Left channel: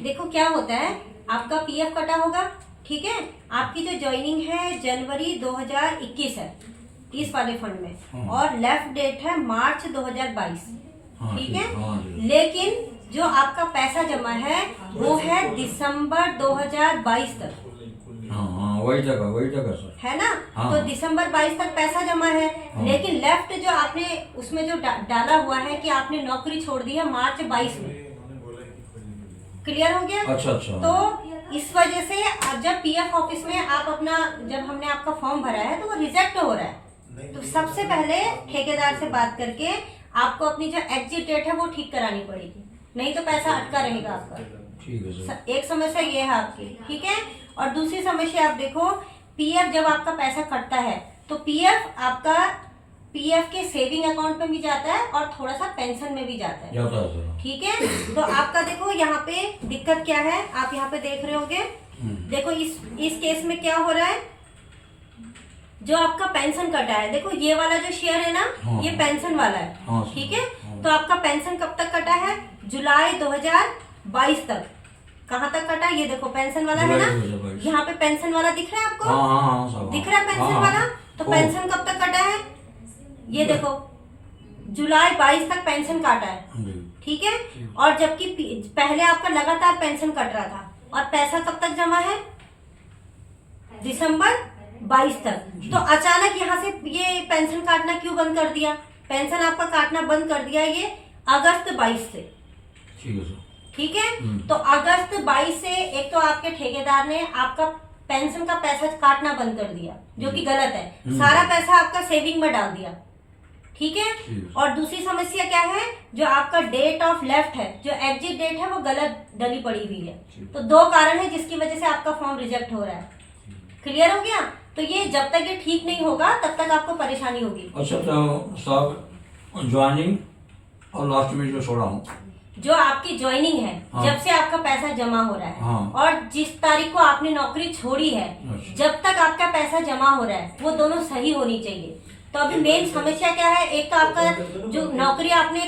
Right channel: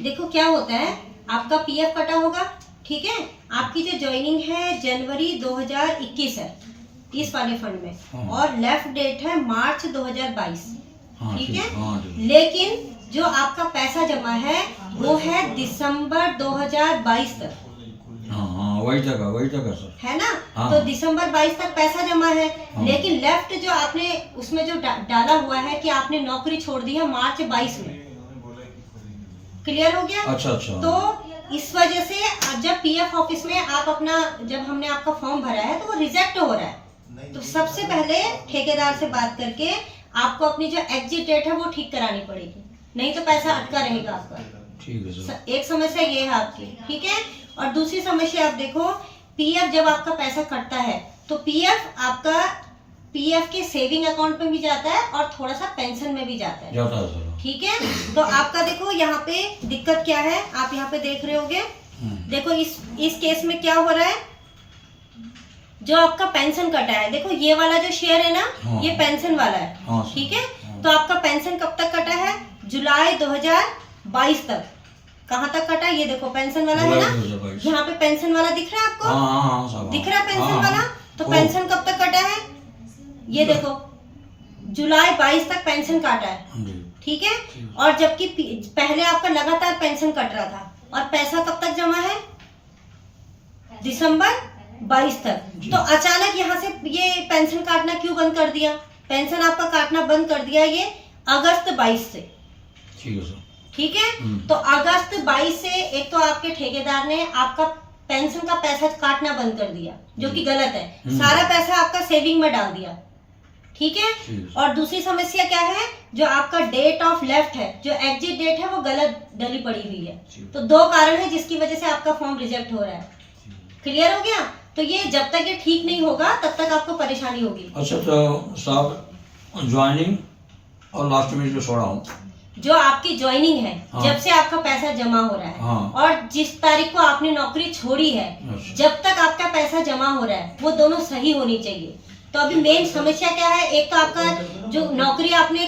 देखो क्या होता है, आपका पीएफ कटा होगा, ठीक है। आपकी जो ज्वाइनिंग है जनवरी 2021 है इस वाले फंड में, हाँ। और लेफ्ट डेट है मार्च 2022, हाँ, ठीक है। हाँ जी। लेकिन जो आपका पैसा जमा है वो है दिसंबर 2022 तक, हाँ, वही जगह सर। है ना। हाँ। तो दिसंबर 22 तक पैसा जमा है, हाँ। लेकिन लेफ्ट जो आपने उसमें जो डाला हुआ है कि आपने नौकरी छोड़ दी है मार्च 22 में। क्लियर हो गया? अच्छा। तो इस वजह से जब पीएफ ऑफिस में आप अपना, जब हमने आपका फॉर्म भरा है तो वो रिजेक्ट हो रहा है। तो सबसे पहले ठेकेदार से बात करके आपको अपनी जो एग्जिट डेट है वो ठीक करानी पड़ेगी, नहीं तो पैसा अटका रहेगा आपका। ठीक है सर। एक समस्या ये है आपकी, ठीक है। और दूसरी समस्या आप देखो, पीएफ जब आपका पैसा कटता है तो पीएफ आपका पीएफ के सेविंग अकाउंट में भी जाता है और थोड़ा सा पेंशन में भी जाता है सर। ठीक है। तो आपका देखो यहाँ पे दिक्कत क्या है, आप यहाँ पे देख रहे होगे। देखो इस केस में क्या हो रहा है, जो आपका पेंशन कटा है, देखो ये वाला जो शेयर है ना, हाँ। ये पेंशन वाला है, हाँ। ठीक है। हाँ। तो आपका पेंशन कब तक कटा है? जुलाई 2022 तक। कहाँ तक कटा? ये देखो पेंशन वाला है ना, 2022। यहाँ पे पेंशन वाला दिख रहा है आपको? हाँ, दिख रहा है पेंशन हाँ। वाला? तो पेंशन कब तक कटा है? ये देखो जुलाई 22 तक पेंशन काटा है, ठीक है। और जबकि पहले आपका लगातार पेंशन कट रहा था, और पैसा कब तक जमा है? दिसंबर 22 तक। तो अचानक यहाँ से ये पेंशन काटना क्यों बंद कर दिया? पेंशन आपका काटना बंद कर दिया ये अगस्त 22 से, ठीक है। तो अगस्त 22 से एक तो आपके ठेकेदार ने आपका पेंशन का पैसा काटना बंद कर दिया, जो कि गलत है। सारा पैसा आपका सेविंग में डाल दिया, ठीक है। और दूसरी समस्या क्या है, जो आपका डेट ऑफ लेफ्ट है, जो एग्जिट डेट है वो गलत डली पड़ी हुई है। तो दो कारण है जिसकी वजह से आपका फॉर्म रिजेक्ट हो रहा है। क्लियर हो गया? तो ये जब तक ये ठीक नहीं होगा तब तक आपको परेशानी होगी। अच्छा, तो साहब ज्वाइनिंग और लास्ट में जो छोड़ा हूँ, जो आपकी ज्वाइनिंग है, हाँ। जब से आपका पैसा जमा हो रहा है, हाँ। और जिस तारीख को आपने नौकरी छोड़ी है, अच्छा। जब तक आपका पैसा जमा हो रहा है वो दोनों सही होनी चाहिए। तो अभी मेन समस्या क्या है, एक तो आपका जो नौकरी आपने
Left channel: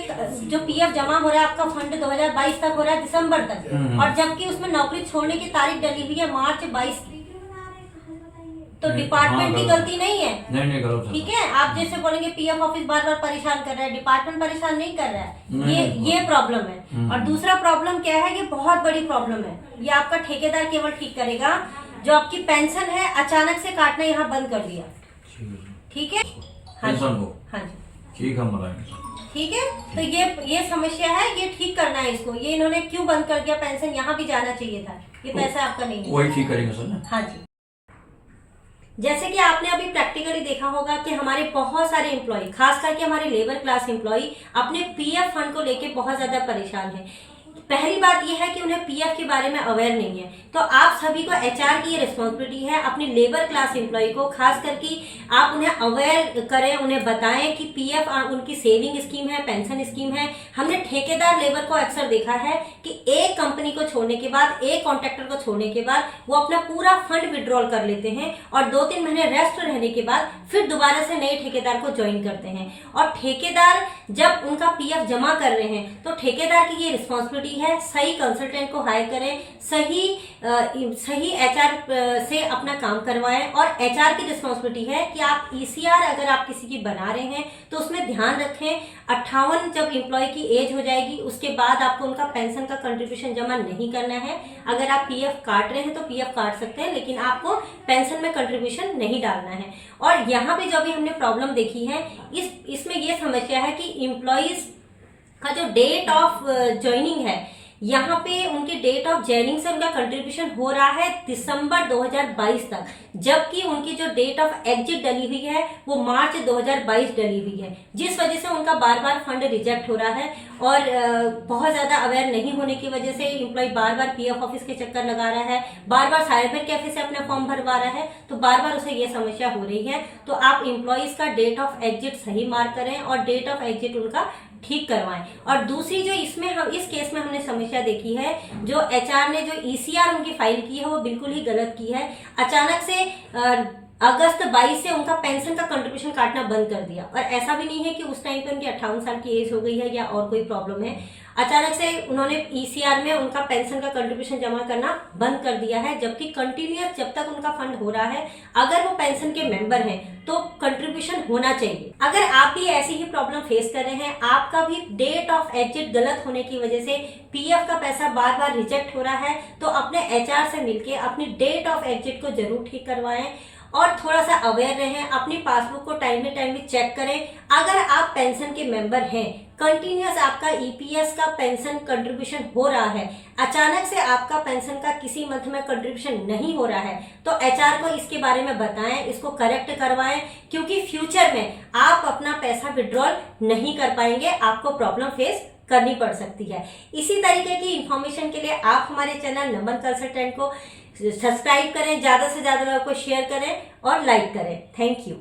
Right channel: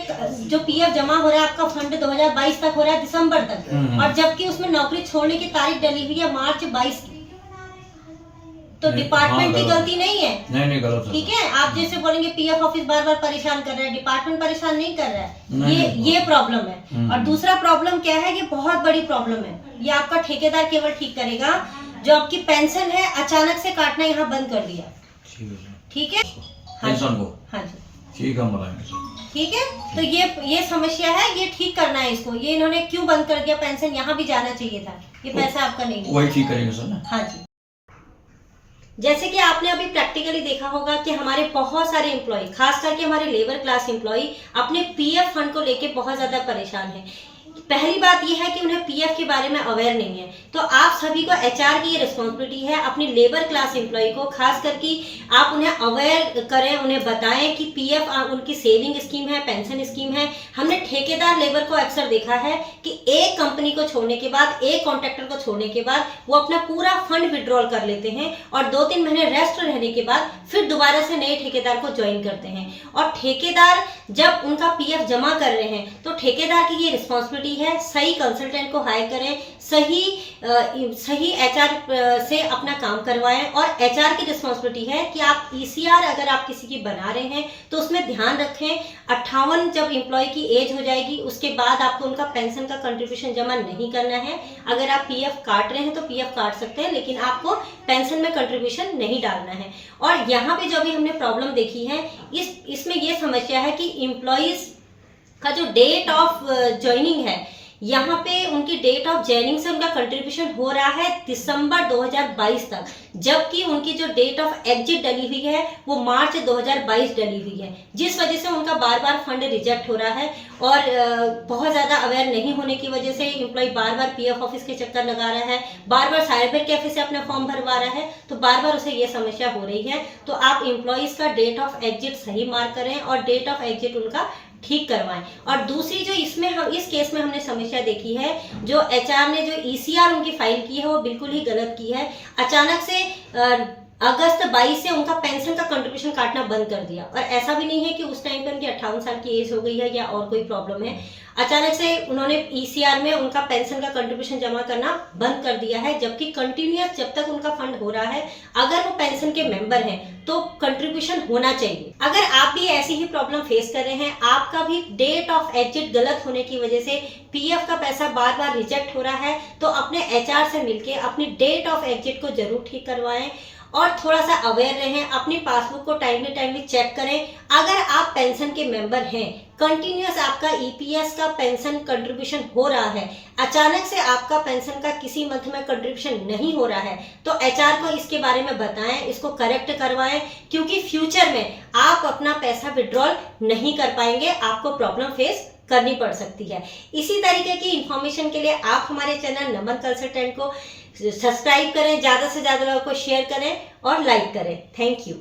जो पीएफ जमा हो रहा है आपका फंड 2022 तक हो रहा है, दिसंबर तक, और जबकि उसमें नौकरी छोड़ने की तारीख डली हुई है मार्च 22 की। तो डिपार्टमेंट की गलती नहीं है, नहीं गलत है, ठीक है। आप जैसे बोलेंगे पीएफ ऑफिस बार बार परेशान कर रहा है, डिपार्टमेंट परेशान नहीं कर रहा है। ये प्रॉब्लम है। और दूसरा प्रॉब्लम क्या है, ये बहुत बड़ी प्रॉब्लम है, ये आपका ठेकेदार केवल ठीक करेगा। जो आपकी पेंशन है अचानक से काटना यहाँ बंद कर दिया, ठीक है। हाँ जी, हाँ जी, ठीक है, ठीक है। तो ये समस्या है, ये ठीक करना है इसको। ये इन्होंने क्यों बंद कर दिया? पेंशन यहाँ भी जाना चाहिए था, ये पैसा आपका नहीं है। वही ठीक करेंगे सर ना। हाँ जी। जैसे कि आपने अभी प्रैक्टिकली देखा होगा कि हमारे बहुत सारे एम्प्लॉय, खास करके हमारे लेबर क्लास एम्प्लॉय अपने पीएफ फंड को लेके बहुत ज्यादा परेशान हैं। पहली बात यह है कि उन्हें पीएफ के बारे में अवेयर नहीं है। तो आप सभी को एचआर की ये रिस्पॉन्सिबिलिटी है, अपनी लेबर क्लास एम्प्लॉय को खास करके आप उन्हें अवेयर करें, उन्हें बताएं कि पीएफ उनकी सेविंग स्कीम है, पेंशन स्कीम है। हमने ठेकेदार लेबर को अक्सर देखा है कि एक कंपनी को छोड़ने के बाद, एक कॉन्ट्रैक्टर को छोड़ने के बाद वो अपना पूरा फंड विड्रॉल कर लेते हैं, और 2-3 महीने रेस्ट रहने के बाद फिर दोबारा से नए ठेकेदार को ज्वाइन करते हैं। और ठेकेदार जब उनका पीएफ जमा कर रहे हैं तो ठेकेदार की ये रिस्पॉन्सिबिलिटी है, सही कंसल्टेंट को हायर करें, सही एचआर से अपना काम करवाएं। और एचआर की रिस्पॉन्सिबिलिटी है कि आप ईसीआर अगर आप किसी की बना रहे हैं तो उसमें ध्यान रखें, 58 जब एम्प्लॉय की एज हो जाएगी उसके बाद आपको उनका पेंशन का कंट्रीब्यूशन जमा नहीं करना है। अगर आप पीएफ काट रहे हैं तो पीएफ काट सकते हैं, लेकिन आपको पेंशन में कंट्रीब्यूशन नहीं डालना है। और यहाँ पे जो भी हमने प्रॉब्लम देखी है, इसमें यह समस्या है कि एम्प्लॉयज का जो डेट ऑफ ज्वाइनिंग है, यहाँ पे उनकी डेट ऑफ ज्वाइनिंग से उनका कंट्रीब्यूशन हो रहा है दिसंबर 2022 तक, जबकि उनकी जो डेट ऑफ एग्जिट डली हुई है वो मार्च 2022 डली हुई है, जिस वजह से उनका बार बार फंड रिजेक्ट हो रहा है। और बहुत ज़्यादा अवेयर नहीं होने की वजह से एम्प्लॉय बार बार पीएफ ऑफिस के चक्कर लगा रहा है, बार बार साइबर कैफे से अपना फॉर्म भरवा रहा है, तो बार बार उसे ये समस्या हो रही है। तो आप एम्प्लॉयज़ का डेट ऑफ एग्जिट सही मार्क करें और डेट ऑफ एग्जिट उनका ठीक करवाएं। और दूसरी जो इसमें हम इस केस में हमने समस्या देखी है, जो एचआर ने जो ईसीआर उनकी फाइल की है वो बिल्कुल ही गलत की है। अचानक से अगस्त 22 से उनका पेंशन का कंट्रीब्यूशन काटना बंद कर दिया। और ऐसा भी नहीं है कि उस टाइम पे उनकी 58 साल की एज हो गई है या और कोई प्रॉब्लम है, अचानक से उन्होंने ईसीआर में उनका पेंशन का कंट्रीब्यूशन जमा करना बंद कर दिया है, जबकि कंटिन्यूअस जब तक उनका फंड हो रहा है, अगर वो पेंशन के मेंबर हैं तो कंट्रीब्यूशन होना चाहिए। अगर आप भी ऐसी ही प्रॉब्लम फेस कर रहे हैं, आपका भी डेट ऑफ एग्जिट गलत होने की वजह से पीएफ का पैसा बार बार रिजेक्ट हो रहा है, तो अपने एचआर से मिलके अपनी डेट ऑफ एग्जिट को जरूर ठीक करवाएं और थोड़ा सा अवेयर रहें। अपनी पासबुक को टाइमली चेक करें। अगर आप पेंशन के मेंबर हैं, कंटिन्यूअस आपका ईपीएस का पेंशन कंट्रीब्यूशन हो रहा है, अचानक से आपका पेंशन का किसी मंथ में कंट्रीब्यूशन नहीं हो रहा है, तो एचआर को इसके बारे में बताएं, इसको करेक्ट करवाएं, क्योंकि फ्यूचर में आप अपना पैसा विड्रॉल नहीं कर पाएंगे, आपको प्रॉब्लम फेस करनी पड़ सकती है। इसी तरीके की इंफॉर्मेशन के लिए आप हमारे चैनल नमन कंसल्टेंट को सब्सक्राइब करें, ज़्यादा से ज़्यादा लोगों को शेयर करें और लाइक करें। Thank you.